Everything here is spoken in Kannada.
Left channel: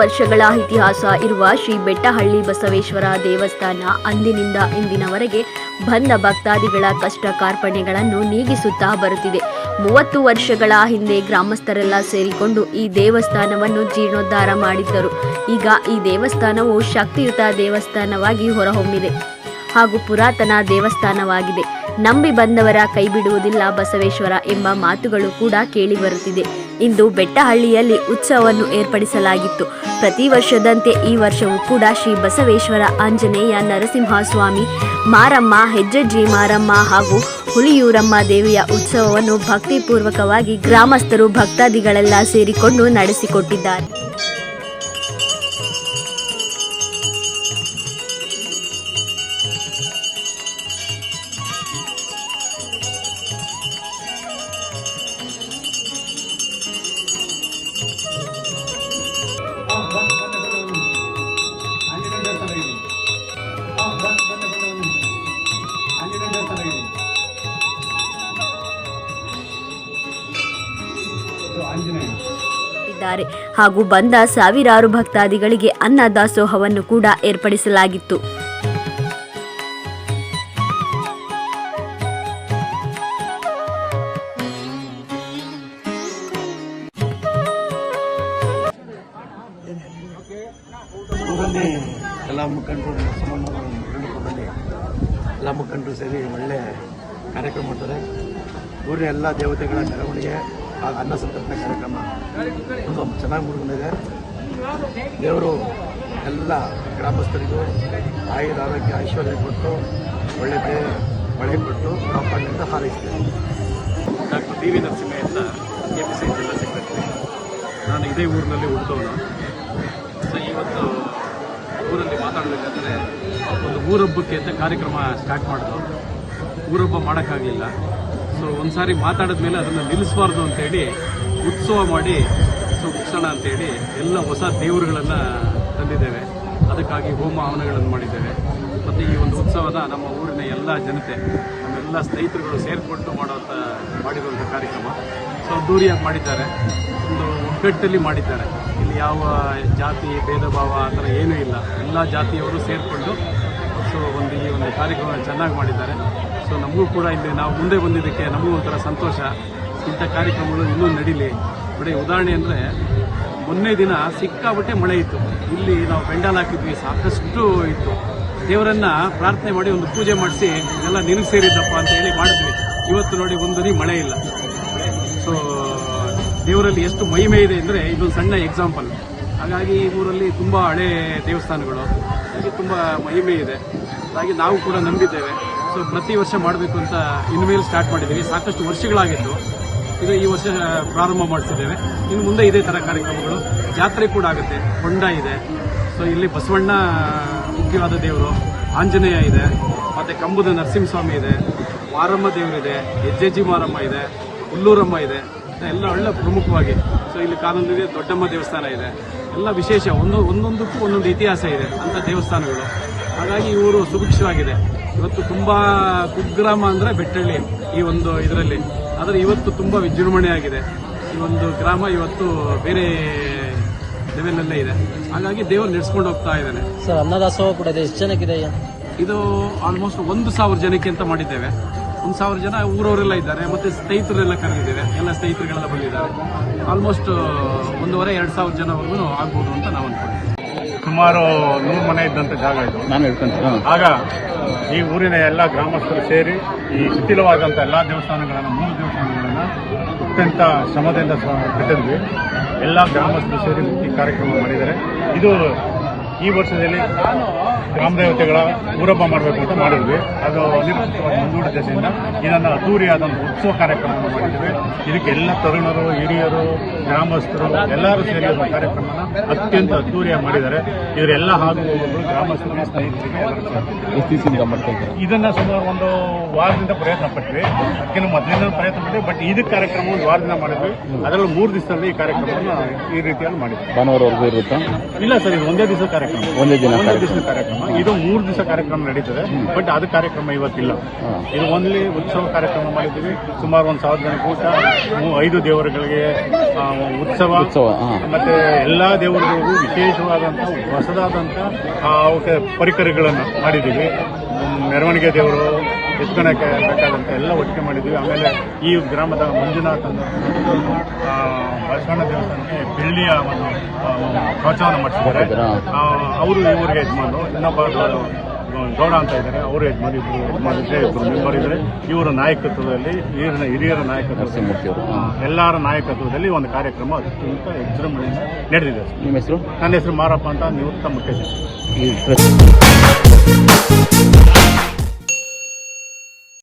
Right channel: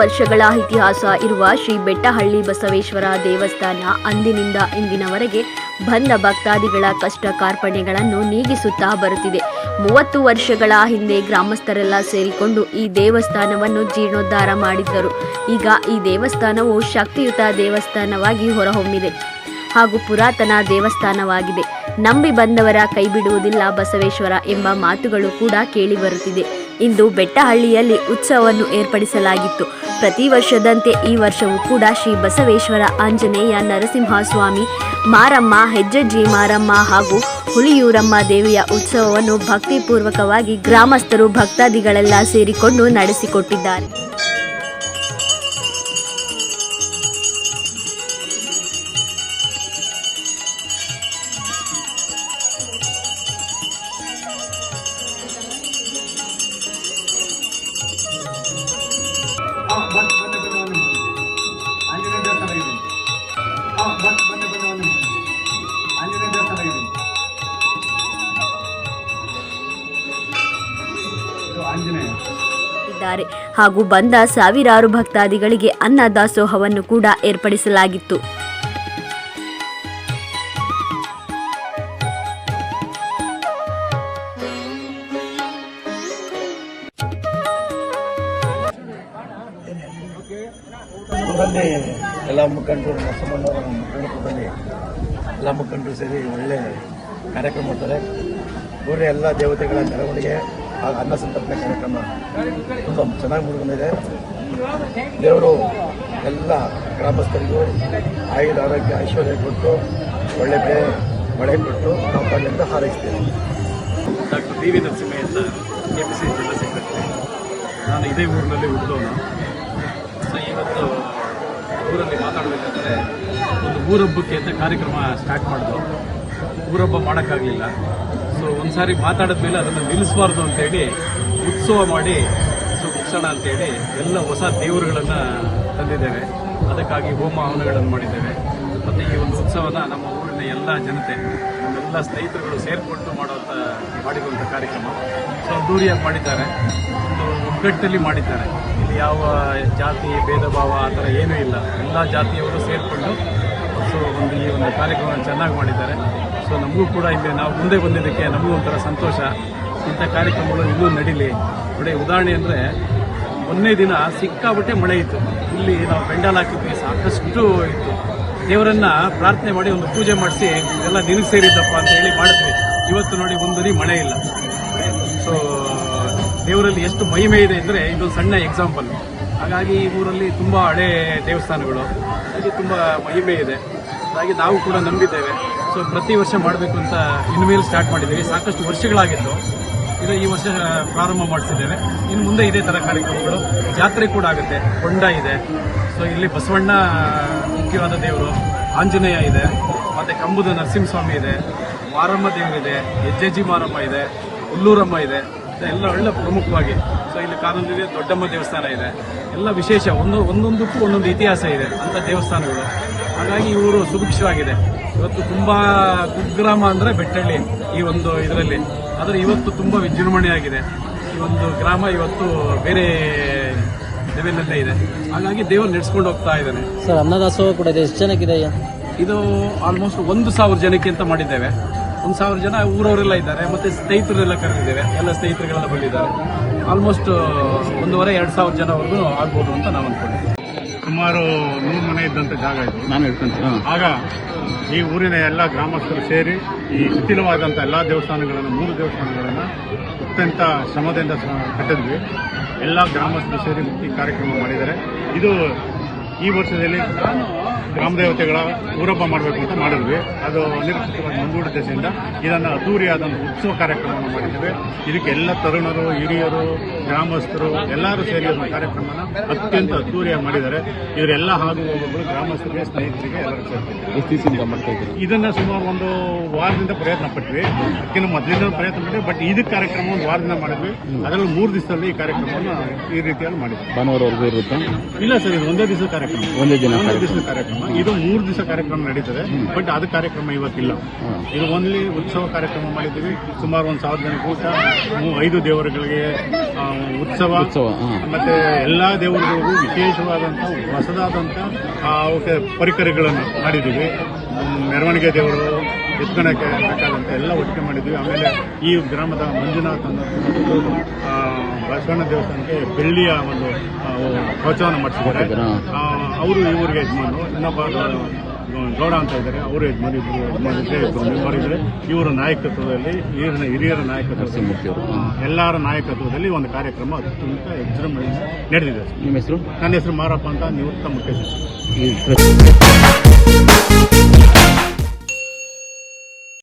ವರ್ಷಗಳ ಇತಿಹಾಸ ಇರುವ ಶ್ರೀ ಬೆಟ್ಟಹಳ್ಳಿ ಬಸವೇಶ್ವರ ದೇವಸ್ಥಾನ ಅಂದಿನಿಂದ ಇಂದಿನವರೆಗೆ ಬಂದ ಭಕ್ತಾದಿಗಳ ಕಷ್ಟ ಕಾರ್ಪಣ್ಯಗಳನ್ನು ನೀಗಿಸುತ್ತಾ ಬರುತ್ತಿದೆ. ಮೂವತ್ತು ವರ್ಷಗಳ ಹಿಂದೆ ಗ್ರಾಮಸ್ಥರೆಲ್ಲ ಸೇರಿಕೊಂಡು ಈ ದೇವಸ್ಥಾನವನ್ನು ಜೀರ್ಣೋದ್ಧಾರ ಮಾಡಿದ್ದರು. ಈಗ ಈ ದೇವಸ್ಥಾನವು ಶಕ್ತಿಯುತ ದೇವಸ್ಥಾನವಾಗಿ ಹೊರಹೊಮ್ಮಿದೆ ಹಾಗೂ ಪುರಾತನ ದೇವಸ್ಥಾನವಾಗಿದೆ. ನಂಬಿ ಬಂದವರ ಕೈ ಬಿಡುವುದಿಲ್ಲ ಬಸವೇಶ್ವರ ಎಂಬ ಮಾತುಗಳು ಕೂಡ ಕೇಳಿಬರುತ್ತಿದೆ ಇಂದು ಬೆಟ್ಟಹಳ್ಳಿಯಲ್ಲಿ ಉತ್ಸವವನ್ನು ಏರ್ಪಡಿಸಲಾಗಿತ್ತು. ಪ್ರತಿ ವರ್ಷದಂತೆ ಈ ವರ್ಷವೂ ಕೂಡ ಶ್ರೀ ಬಸವೇಶ್ವರ ಆಂಜನೇಯ ನರಸಿಂಹಸ್ವಾಮಿ, ಮಾರಮ್ಮ, ಹೆಜ್ಜಜ್ಜಿ ಮಾರಮ್ಮ ಹಾಗೂ ಹುಲಿಯೂರಮ್ಮ ದೇವಿಯ ಉತ್ಸವವನ್ನು ಭಕ್ತಿಪೂರ್ವಕವಾಗಿ ಗ್ರಾಮಸ್ಥರು, ಭಕ್ತಾದಿಗಳೆಲ್ಲ ಸೇರಿಕೊಂಡು ನಡೆಸಿಕೊಟ್ಟಿದ್ದಾರೆ. ಇದ್ದಾರೆ. ಹಾಗೂ ಬಂದ ಸಾವಿರಾರು ಭಕ್ತಾದಿಗಳಿಗೆ ಅನ್ನ ದಾಸೋಹವನ್ನು ಕೂಡ ಏರ್ಪಡಿಸಲಾಗಿತ್ತು. ಎಲ್ಲ ಮುಖಂಡರು ಮುಖಂಡರಲ್ಲಿ ಎಲ್ಲ ಮುಖಂಡರು ಸೇರಿ ಒಳ್ಳೆ ಕಾರ್ಯಕ್ರಮ ಮಾಡ್ತಾರೆ. ಊರಿನ ಎಲ್ಲ ದೇವತೆಗಳ ಮೆರವಣಿಗೆ ಹಾಗೂ ಅನ್ನ ಸಂತರ್ಪಣೆ ಕಾರ್ಯಕ್ರಮ ತುಂಬ ಚೆನ್ನಾಗಿ ಮುಗಿದಿದೆ ದೇವರು ಎಲ್ಲ ಗ್ರಾಮಸ್ಥರಿಗೂ ಆಯುಧ ಆರೋಗ್ಯ ಐಶ್ವರ್ಯ ಕೊಟ್ಟು, ಒಳ್ಳೆ ಬೆಳೆ ಮಳೆ ಕೊಟ್ಟು ಕಾಪಾಡಲಿ ಅಂತ ಹಾರೈಸ್ತೇನೆ ಡಾಕ್ಟರ್ ಡಿ ವಿ ನರಸಿಂಹಯ್ಯ ನಾನು ಇದೇ ಊರಿನಲ್ಲಿ ಹುಟ್ಟೋಣ ಸೊ, ಇವತ್ತು ಊರಲ್ಲಿ ಮಾತಾಡಬೇಕಂದ್ರೆ ಒಂದು ಊರಬ್ಬಕ್ಕೆ ಅಂತ ಕಾರ್ಯಕ್ರಮ ಸ್ಟಾರ್ಟ್ ಮಾಡಿದ್ರು ಊರಬ್ಬ ಮಾಡೋಕ್ಕಾಗಲಿಲ್ಲ. ಸೊ ಒಂದು ಸಾರಿ ಮಾತಾಡಿದ್ಮೇಲೆ ಅದನ್ನು ನಿಲ್ಲಿಸಬಾರ್ದು ಅಂತೇಳಿ ಉತ್ಸವ ಮಾಡಿ ಸೊ ಮುಗಿಸೋಣ ಅಂತೇಳಿ ಎಲ್ಲ ಹೊಸ ದೇವರುಗಳನ್ನು ತಂದಿದ್ದೇವೆ. ಅದಕ್ಕಾಗಿ ಹೋಮ ಹವನಗಳನ್ನು ಮಾಡಿದ್ದೇವೆ. ಮತ್ತು ಈ ಒಂದು ಉತ್ಸವನ ನಮ್ಮ ಊರಿನ ಎಲ್ಲ ಜನತೆ, ನಮ್ಮೆಲ್ಲ ಸ್ನೇಹಿತರುಗಳು ಸೇರಿಕೊಂಡು ಮಾಡುವಂಥ ಮಾಡಿರುವಂಥ ಕಾರ್ಯಕ್ರಮ. ಸೊ ದೂರಿಯಾಗಿ ಮಾಡಿದ್ದಾರೆ. ಒಂದು ಒಗ್ಗಟ್ಟಲ್ಲಿ ಮಾಡಿದ್ದಾರೆ. ಇಲ್ಲಿ ಯಾವ ಜಾತಿ ಭೇದ ಭಾವ ಆ ಥರ ಏನೂ ಇಲ್ಲ. ಎಲ್ಲ ಜಾತಿಯವರು ಸೇರಿಕೊಂಡು ಕಾರ್ಯಕ್ರಮ ಚೆನ್ನಾಗಿ ಮಾಡಿದ್ದಾರೆ. ಸೊ ನಮಗೂ ಕೂಡ ಇಲ್ಲಿ ನಾವು ಮುಂದೆ ಬಂದಿದ್ದಕ್ಕೆ ನಮಗೂ ಒಂಥರ ಸಂತೋಷ. ಇಂಥ ಕಾರ್ಯಕ್ರಮಗಳು ಇನ್ನೂ ನಡೀಲಿ. ನೋಡಿ, ಉದಾಹರಣೆ ಅಂದರೆ ಮೊನ್ನೆ ದಿನ ಸಿಕ್ಕಾಬಟ್ಟೆ ಮಳೆ ಇತ್ತು. ಇಲ್ಲಿ ನಾವು ಬೆಂಡಲ್ ಹಾಕಿದ್ವಿ, ಸಾಕಷ್ಟು ಇತ್ತು. ದೇವರನ್ನ ಪ್ರಾರ್ಥನೆ ಮಾಡಿ ಒಂದು ಪೂಜೆ ಮಾಡಿಸಿ, ಇದೆಲ್ಲ ನಿಲ್ ಸೇರಿದ್ದಪ್ಪ ಅಂತ ಹೇಳಿ ಮಾಡಿದ್ವಿ. ಇವತ್ತು ನೋಡಿ ಒಂದರಿ ಮಳೆ ಇಲ್ಲ. ಸೊ ದೇವರಲ್ಲಿ ಎಷ್ಟು ಮಹಿಮೆ ಇದೆ ಅಂದರೆ ಇದೊಂದು ಸಣ್ಣ ಎಕ್ಸಾಂಪಲ್ ಹಾಗಾಗಿ ಈ ಊರಲ್ಲಿ ತುಂಬ ಹಳೆ ದೇವಸ್ಥಾನಗಳು. ಹಾಗೆ ತುಂಬ ಮಹಿಮೆ ಇದೆ. ಹಾಗಾಗಿ ನಾವು ಕೂಡ ನಂಬಿದ್ದೇವೆ. ಸೊ ಪ್ರತಿ ವರ್ಷ ಮಾಡಬೇಕು ಅಂತ ಇನ್ಮೇಲೆ ಸ್ಟಾರ್ಟ್ ಮಾಡಿದ್ದೀವಿ. ಸಾಕಷ್ಟು ವರ್ಷಗಳಾಗಿತ್ತು ಇದು ಈ ವರ್ಷ ಪ್ರಾರಂಭ ಮಾಡ್ತಿದ್ದೇವೆ. ಇನ್ನು ಮುಂದೆ ಇದೇ ಥರ ಕಾರ್ಯಕ್ರಮಗಳು ಜಾತ್ರೆ ಕೂಡ ಆಗುತ್ತೆ. ಹೊಂಡ ಇದೆ. ಸೊ ಇಲ್ಲಿ ಬಸವಣ್ಣ, ಮುಖ್ಯವಾದ ದೇವರು, ಆಂಜನೇಯ ಇದೆ. ಮತ್ತು ಕಂಬುದ ನರಸಿಂಹಸ್ವಾಮಿ ಇದೆ. ವಾರಮ್ಮ ದೇವರಿದೆ ಹೆಜ್ಜೆಜ್ಜಿ ಮಾರಮ್ಮ ಇದೆ. ಹುಲ್ಲೂರಮ್ಮ ಇದೆ. ಎಲ್ಲ ಒಳ್ಳೆ ಪ್ರಮುಖವಾಗಿ. ಸೊ ಇಲ್ಲಿ ಕಾನೂನಿಗೆ ದೊಡ್ಡಮ್ಮ ದೇವಸ್ಥಾನ ಇದೆ. ಎಲ್ಲ ವಿಶೇಷ. ಒಂದು, ಒಂದೊಂದಕ್ಕೂ ಒಂದೊಂದು ಇತಿಹಾಸ ಇದೆ ಅಂತ ದೇವಸ್ಥಾನಗಳು. ಹಾಗಾಗಿ ಇವರು ಊರು ಸುಭಿಕ್ಷವಾಗಿದೆ. ಇವತ್ತು ತುಂಬಾ ಕುಗ್ರಾಮ ಅಂದ್ರೆ ಬೆಟ್ಟಳ್ಳಿ ಈ ಒಂದು ಇದರಲ್ಲಿ. ಆದರೆ ಇವತ್ತು ತುಂಬಾ ವಿಜೃಂಭಣೆಯಾಗಿದೆ. ಈ ಒಂದು ಗ್ರಾಮ ಇವತ್ತು ಬೇರೆ ಲೆವೆಲಲ್ಲೇ ಇದೆ. ಹಾಗಾಗಿ ದೇವರು ನಡೆಸ್ಕೊಂಡು ಹೋಗ್ತಾ ಇದ್ದಾನೆ. ಸರ್ ಅನ್ನದಾಸೋಹ ಕೂಡ ಎಷ್ಟು ಜನಕ್ಕಿದೆ ಇದು ಆಲ್ಮೋಸ್ಟ್ ಒಂದು ಸಾವಿರ ಜನಕ್ಕೆ ಅಂತ ಮಾಡಿದ್ದೇವೆ. ಒಂದು ಸಾವಿರ ಜನ ಊರವರೆಲ್ಲ ಇದ್ದಾರೆ. ಮತ್ತೆ ಸ್ನೇಹಿತರೆಲ್ಲ ಕರೆದಿದ್ದೇವೆ. ಎಲ್ಲ ಸ್ನೇಹಿತರುಗಳೆಲ್ಲ ಬಂದಿದ್ದಾರೆ. ಆಲ್ಮೋಸ್ಟ್ ಒಂದೂವರೆ ಎರಡು ಸಾವಿರ ಜನವರೆಗೂ ಆಗ್ಬೋದು ಅಂತ ನಾವು ಅನ್ಕೊಂಡಿದ್ದೀವಿ. ಸುಮಾರು ನೂರು ಮನೆ ಇದ್ದಂಥ ಜಾಗ ಇದು. ನಾನು ಆಗ ಈ ಊರಿನ ಎಲ್ಲ ಗ್ರಾಮಸ್ಥರು ಸೇರಿ ಶಿಥಿಲವಾದಂಥ ಎಲ್ಲ ದೇವಸ್ಥಾನಗಳನ್ನು ಮೂರು ದೇವಸ್ಥಾನಗಳನ್ನು ಅತ್ಯಂತ ಶ್ರಮದಿಂದ ಕಟ್ಟಿದ್ವಿ. ಎಲ್ಲ ಗ್ರಾಮಸ್ಥರು ಸೇರಿ ಈ ಕಾರ್ಯಕ್ರಮ ಮಾಡಿದ್ದಾರೆ. ಇದು ಈ ವರ್ಷದಲ್ಲಿ ಗ್ರಾಮ ದೇವತೆಗಳ ಊರಬ್ಬ ಮಾಡಬೇಕು ಅಂತ ಮಾಡಿದ್ವಿ. ಅದು ದಶೆಯಿಂದ ಇದನ್ನು ಅದ್ದೂರಿಯಾದ ಒಂದು ಉತ್ಸವ ಕಾರ್ಯಕ್ರಮವನ್ನು ಮಾಡಿದ್ವಿ. ಇದಕ್ಕೆ ಎಲ್ಲ ತರುಣರು ಹಿರಿಯರು ಗ್ರಾಮಸ್ಥರು ಎಲ್ಲರೂ ಸೇರಿ ಒಂದು ಕಾರ್ಯಕ್ರಮನ ಅತ್ಯಂತ ಅದ್ದೂರಿಯಾಗಿ ಮಾಡಿದ್ದಾರೆ. ಇವರೆಲ್ಲ ಹಾಗೂ ಗ್ರಾಮಸ್ಥರು ಸ್ನೇಹಿತರಿಗೆ ಇದನ್ನು ಇದನ್ನ ಸುಮಾರು ಒಂದು ವಾರದಿಂದ ಪ್ರಯತ್ನ ಪಟ್ವಿ. ಅದಕ್ಕಿಂತ ಮೊದಲಿನ ಪ್ರಯತ್ನ ಪಟ್ಟಿವಿ ಬಟ್ ಇದಕ್ಕೆ ಕಾರ್ಯಕ್ರಮ ಒಂದು ವಾರದಿಂದ ಮಾಡಿದ್ವಿ. ಅದರಲ್ಲೂ ಮೂರು ದಿವಸದಲ್ಲಿ ಈ ಕಾರ್ಯಕ್ರಮವನ್ನು ಈ ರೀತಿಯಲ್ಲಿ ಮಾಡಿದ್ವಿ. ಭಾನುವಾರವರೆಗೂ ಇರುತ್ತಾ? ಇಲ್ಲ ಸರ್ ಇದು ಒಂದೇ ದಿವಸ ಕಾರ್ಯಕ್ರಮ. ಕಾರ್ಯಕ್ರಮ ಒಂದೇ ದಿನ ಒಂದೇ ಕಾರ್ಯಕ್ರಮ. ಇದು ಮೂರು ದಿವಸ ಕಾರ್ಯಕ್ರಮ ನಡೀತದೆ ಬಟ್ ಅದು ಕಾರ್ಯಕ್ರಮ ಇವತ್ತಿಲ್ಲ. ಇದು ಓನ್ಲಿ ಉತ್ಸವ ಕಾರ್ಯಕ್ರಮ ಮಾಡಿದ್ದೀವಿ. ಸುಮಾರು ಒಂದು ಸಾವಿರ ಜನ ಕೂಟ ಮೂ- ಐದು ದೇವರುಗಳಿಗೆ ಉತ್ಸವ ಉತ್ಸವ ಮತ್ತೆ ಎಲ್ಲಾ ದೇವರುಗಳಿಗೂ ವಿಶೇಷವಾದಂಥ ಹೊಸದಾದಂಥ ಅವಕ್ಕೆ ಪರಿಕರಗಳನ್ನು ಮಾಡಿದ್ದೀವಿ. ಮೆರವಣಿಗೆ ದೇವರು ಎತ್ಕೊಳಕ್ಕೆ ಬೇಕಾದಂಥ ಎಲ್ಲ ಒಟ್ಟಿಗೆ ಮಾಡಿದ್ವಿ ಆಮೇಲೆ ಈ ಗ್ರಾಮದ ಮಂಜುನಾಥ್ ಅನ್ನೋ ಬಸವಣ್ಣ ದೇವಸ್ಥಾನಕ್ಕೆ ಬೆಳ್ಳಿಯ ಒಂದು ಪ್ರಚಾರ ಪ್ರೋತ್ಸಾಹನ ಆ, ಅವರು ಇವ್ರಿಗೆ ಯಜಮಾನು ಇನ್ನೊಬ್ಬ ಗೌಡ ಅಂತ ಇದ್ದಾರೆ ಅವರು ಯಜಮಾನ್ ಇಬ್ಬರು ಯಜಮಾನಿದ್ರೆ ಇಬ್ಬರು ಮೆಂಬರ್ ಇದ್ದಾರೆ ಇವರ ನಾಯಕತ್ವದಲ್ಲಿ ಇವರಿನ ಹಿರಿಯರ ನಾಯಕತ್ವದಲ್ಲಿ ಎಲ್ಲರ ನಾಯಕತ್ವದಲ್ಲಿ ಒಂದು ಕಾರ್ಯಕ್ರಮ ಅತ್ಯಂತ ವಿಜೃಂಭಣೆಯಿಂದ ನಡೆದಿದೆ. ನಿಮ್ಮ ಹೆಸರು? ನನ್ನ ಹೆಸರು ಮಾರಪ್ಪ ಅಂತ ನಿವೃತ್ತ ಮುಖ್ಯ